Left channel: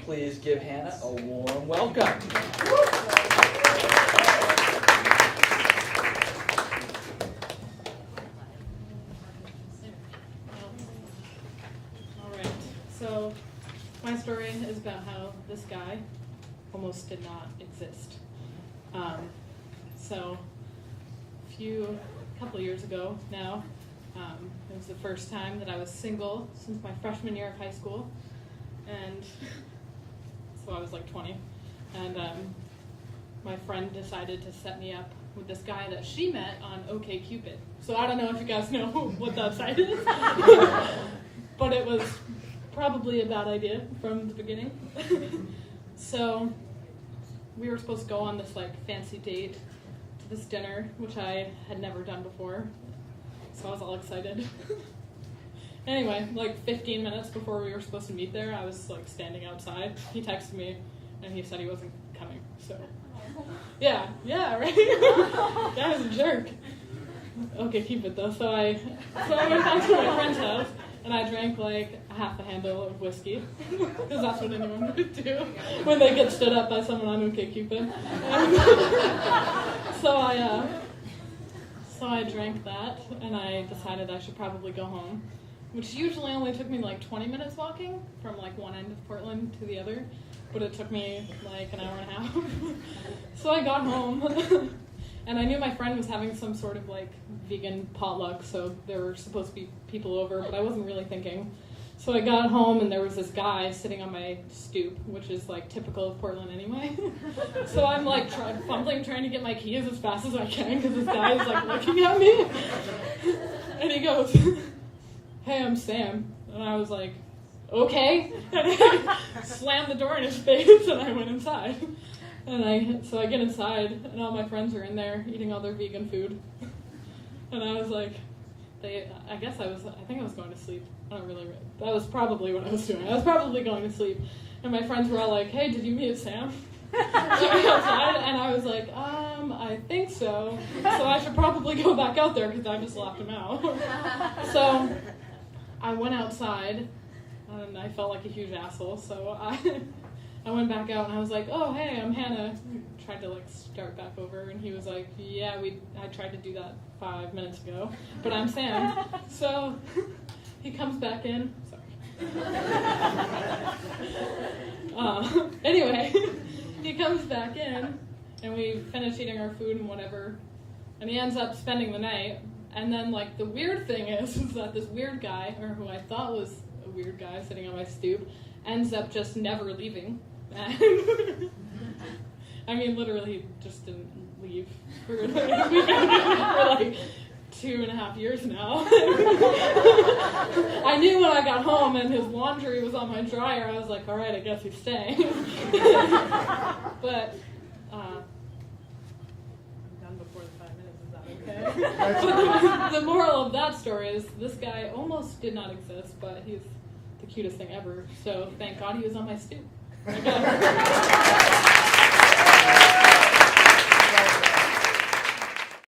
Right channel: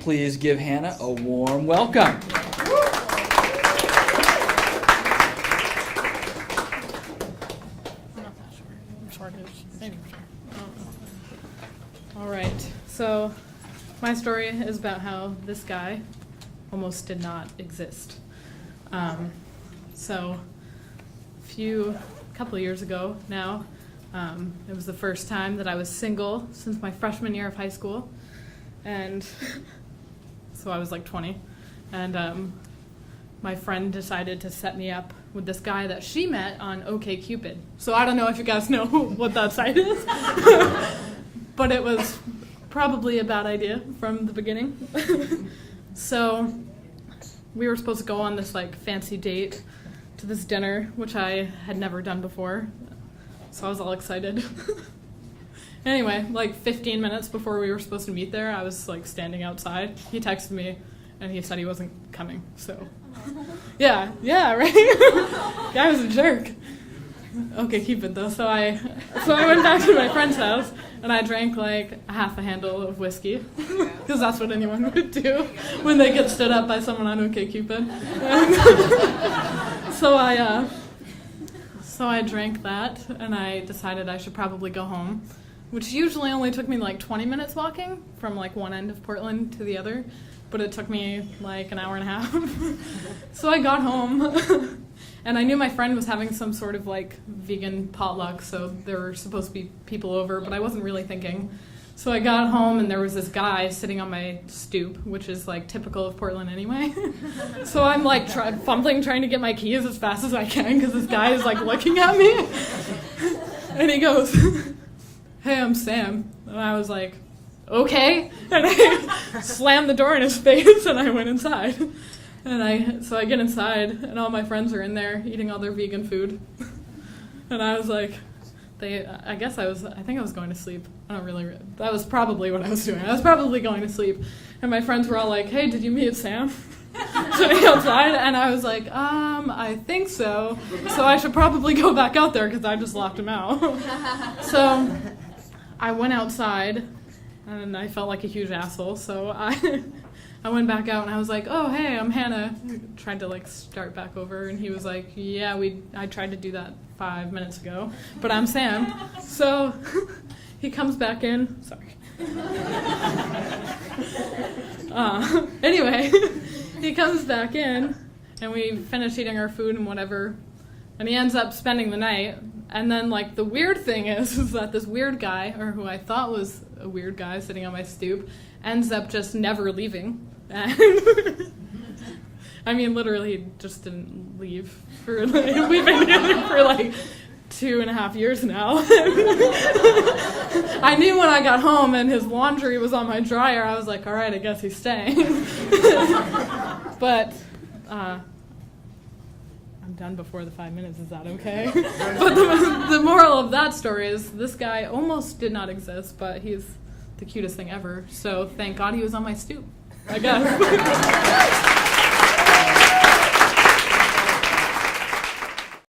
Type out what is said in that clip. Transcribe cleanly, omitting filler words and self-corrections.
please give Hannah a warm welcome. All right, so my story is about how this guy almost did not exist. So a couple of years ago now, it was the first time that I was single since my freshman year of high school, and so I was like 20, and my friend decided to set me up with this guy that she met on OkCupid. So I don't know if you guys know what that site is, but it was probably a bad idea from the beginning. So we were supposed to go on this like fancy date to this dinner, which I had never done before. So I was all excited. Anyway, like 15 minutes before we were supposed to meet there, I was like standing outside. He texted me and he said he wasn't coming. So yeah, right? Guy was a jerk. Okay, keep it though. So I went back to my friend's house and I drank like a half a handle of whiskey, because that's what anyone would do when they get stood up by someone on OkCupid. So I drank that, and I decided I should probably go home, which usually only took me like 20 minutes walking from like one end of Portland to the other, but it took me like an hour and a half. So I got home, and I knew my friend was having some sort of like vegan potluck, so there were supposed to be people over, but I wasn't really thinking. So I got home and there was this guy sitting on my stoop, which is like typical of Portland anyway. So I'm like fumbling, trying to get my keys as fast as I can because this guy is like looking at me. And he goes, "Hey, I'm Sam." And I was like, "Okay." And I slammed the door in his face and I went inside. And so I get inside and all my friends are in there eating all their vegan food. And I was like, I think I was going to sleep. That was probably what I was doing. I was probably going to sleep. And my friends were all like, "Hey, did you meet Sam?" Sitting outside. And I was like, I think so. So I should probably go back out there because I just locked him out. So I went outside and I felt like a huge asshole. So I went back out and I was like, "Oh, hey, I'm Hannah." I tried to like start back over and he was like, "Yeah, I tried to do that 5 minutes ago, but I'm Sam." So he comes back in. Sorry. Anyway, he comes back in and we finish eating our food and whatever, and he ends up spending the night. And then like the weird thing is that this weird guy, or who I thought was a weird guy sitting on my stoop, ends up just never leaving. And I mean, literally, he just didn't leave. We've been together for like 2.5 years now. I knew when I got home and his laundry was on my dryer, I was like, all right, I guess he's staying. But I'm done before the 5 minutes. Is that okay? But the moral of that story is this guy almost did not exist, but he's the cutest thing ever. So thank God he was on my stoop, I guess.